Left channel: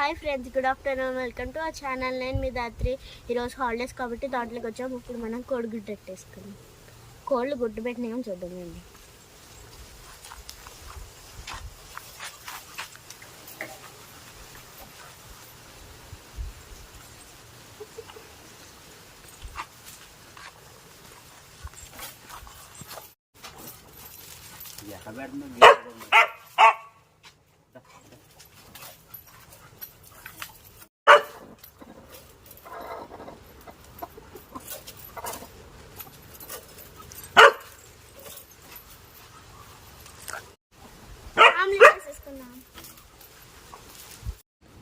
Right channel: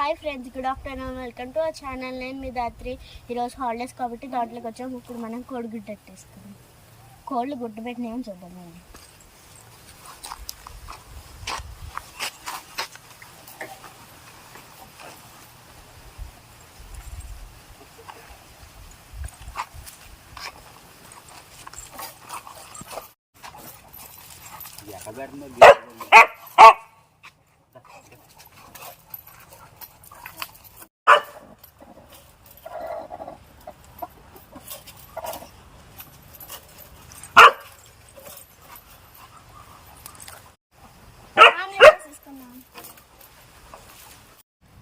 Hi friends, good afternoon. Welcome to our channel. నేను మీ దాత్రి. ఈరోజు holidays కాబట్టి దాంట్లోకి వచ్చాము. ఇప్పుడు మనం కోడిగుడ్డు పెట్టేసుకున్నాం. కోళ్ళు గుడ్డు పెట్టినేమో చూద్దామండి.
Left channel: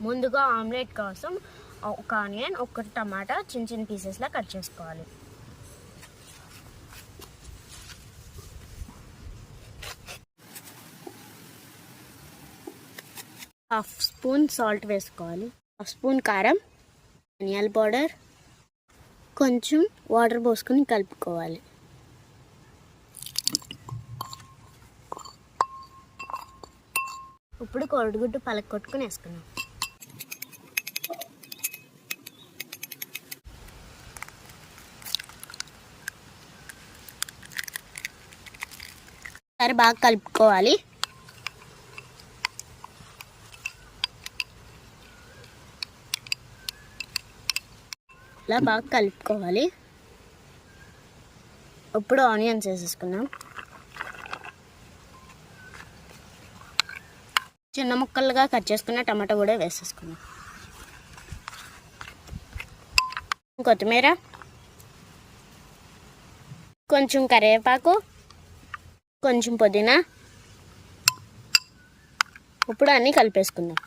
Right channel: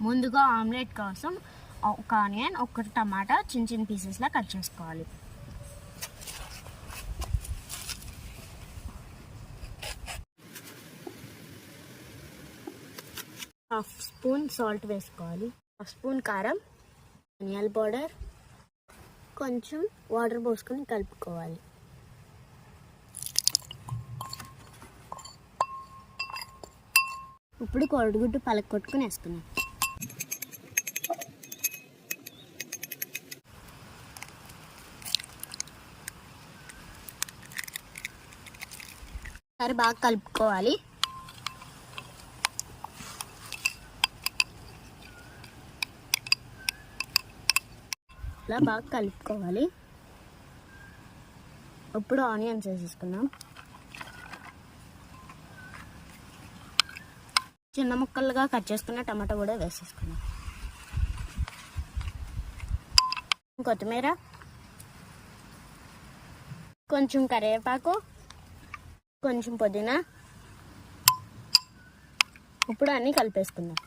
ముందుగా ఆమ్లెట్ కోసం ఒక ఆనియన్, ఒక టమాటా చిన్న చిన్న పీసెస్లా కట్ చేసుకోవాలి. హాఫ్ స్పూన్ సాల్ట్ వేసుకోవాలి, హాఫ్ స్పూన్ కారం, ధనియాల పౌడర్, కొంచెం వాటర్ పోసుకొని కలుపుకోవాలి. ఇప్పుడు కోడిగుడ్డు పలకొట్టుకుని వేసుకున్నాం. సరే, బాగా కలుపుకోవాలి. ఇలా బాగా కలుపుకోవాలి. ఇప్పుడు ఆనియన్స్ వేసేసుకున్నాం. చిన్న ముక్కలుగా కట్ చేసుకున్న టమాటా కూడా వేసేసుకున్నాం. కొత్తిమీర, కొంచెం కరివేపాకు, కొంచెం పుదీనా. ఇప్పుడు అన్నీ కలిపేసుకుందాం.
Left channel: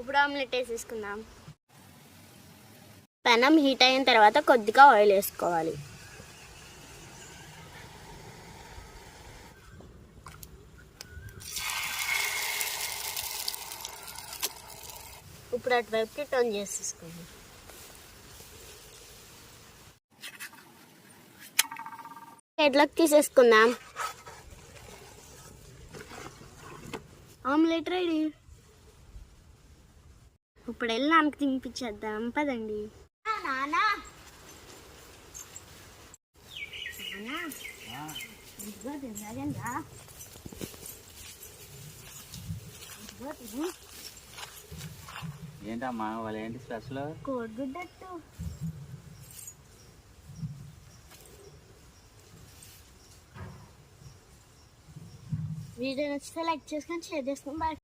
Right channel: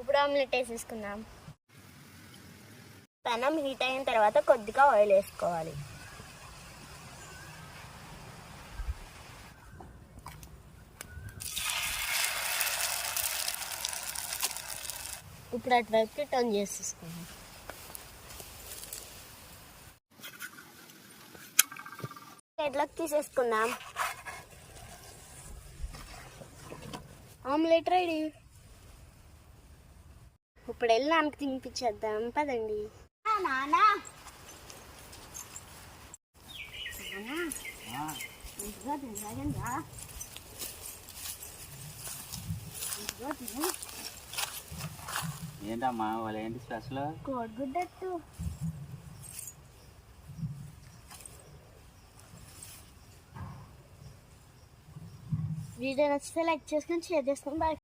ఇప్పుడు ఆమ్లెట్ వేసేసుకుందాం. పెనం హీట్ అయిన తర్వాత కొద్దిగా ఆయిల్ వేసుకోవాలి. ఇప్పుడు అటువైపుకి టర్న్ చేసేసుకుందాం. హెడ్లోకి తీసేసుకుందాం. Omelette ready. ఇప్పుడు వెళ్ళి నాన్నకి తినిపించేద్దాం, పదండి. నానా ఏంటమ్మా వాళ్ళు ఏంటి స్పెషల్? కోడిగుడ్డట్టు. వీడియో నచ్చితే లైక్ చేసుకొని షేర్ చేసుకొని బాయ్.